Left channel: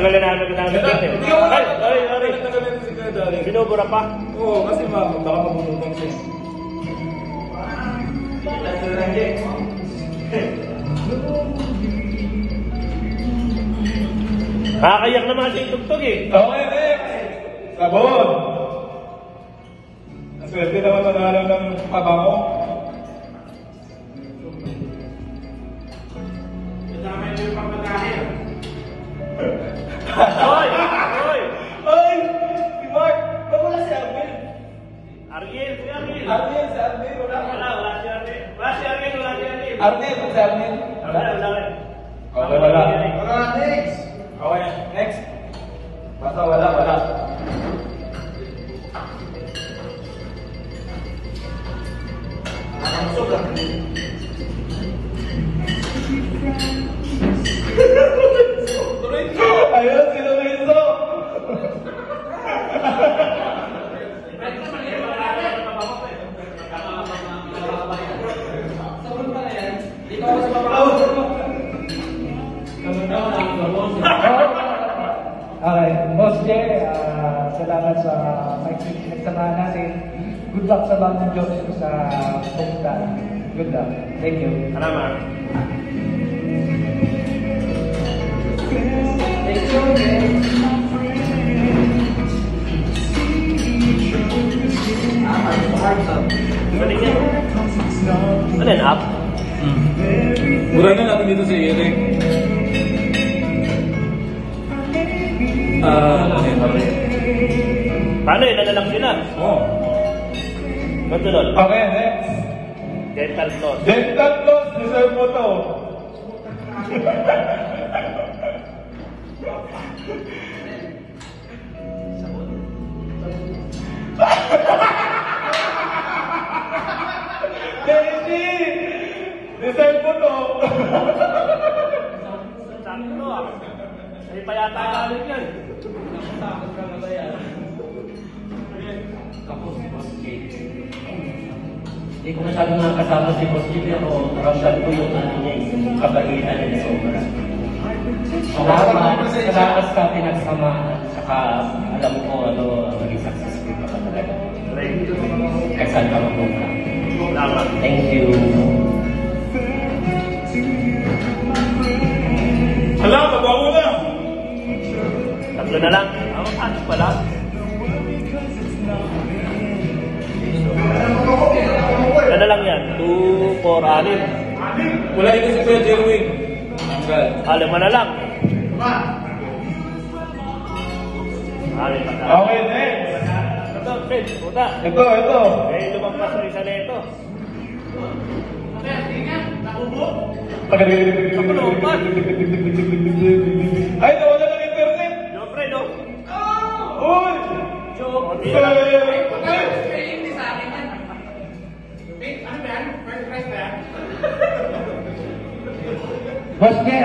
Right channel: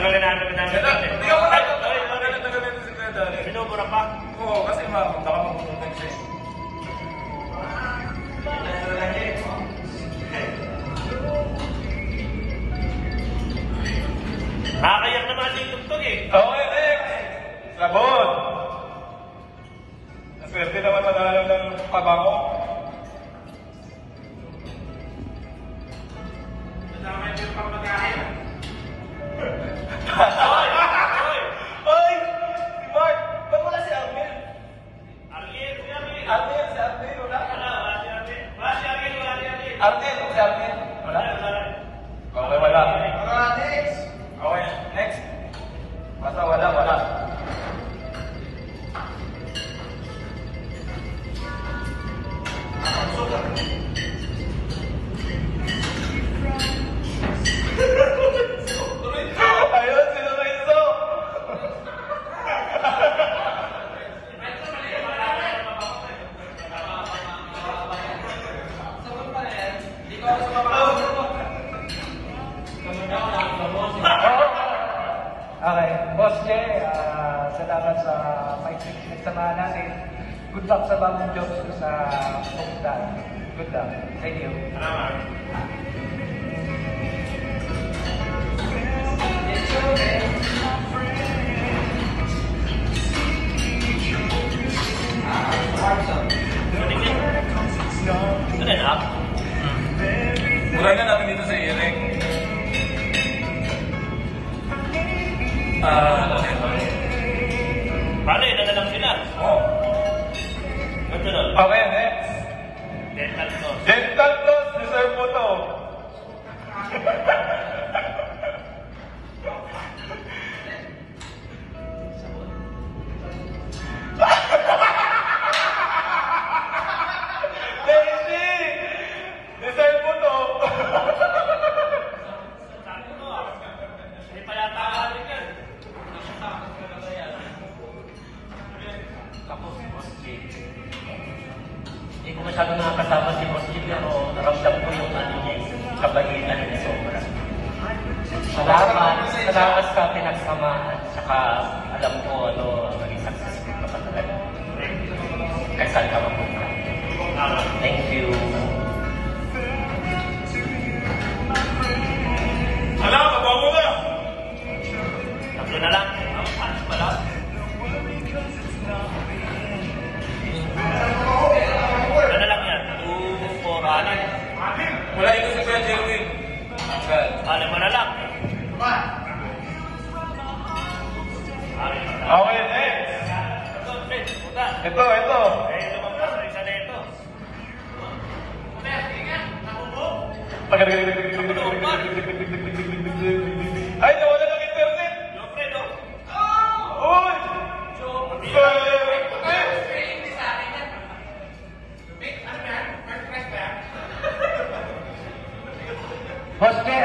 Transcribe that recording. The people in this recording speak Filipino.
Tatanggalin namin kita ng bigyan eh. Ay, sorry. Binubura pa? Oo, kasi baka mabubutan siya. Nakakayak naman si Tugtog eh. Okay, sabon. Swerte naman manalo ng kabango. Kasama niyo yung pagpagkain. Ay! Si Mark! Ba't wala si Arvin? Ariel, si Ariel. Arvin, si Arvin. Wala si Ariel. Wala si Ariel. Arvin, si Arvin. Wala. Okay, wala. Wala, next. Okay, next. Basta wala. Ayun, si Lorenzo. Okay, Boss Jay, salamat sa samahan natin. Good luck sa bagong jobs ko sa pumunta. Good luck. Thank you. Salamat. Ano yan, app? Mura na natin dito sa Eric. Paano yun? Nalalak sila? Oo. Ba't yun? Okay, next. Dental floss. Dental floss, deserve mo to. Daisy! Deserve mo to. Sakto ah. Hindi pa yata gamit yan. Hindi ko masyadong nakasama si Boss Jim, pero ramdam ko yung ano niya, kabaitan niya. Nakakaas ka pinagsamaan, saka alam ko ano, maging successful ka talaga. Kasal ka mabuka. Thank you. Wala, mabago na. Tatlo na lang. Ano pala? Ano lang yan? 2, 4, 6. Wala ito si Kuya Jelwin. Alam mo na lang. Okay, next. Ito, Fred, puta. Ito. Eh, lumampas na isa na ito. Ay, nawala ng internet. No, Fred, no. Uy! Boss Jay,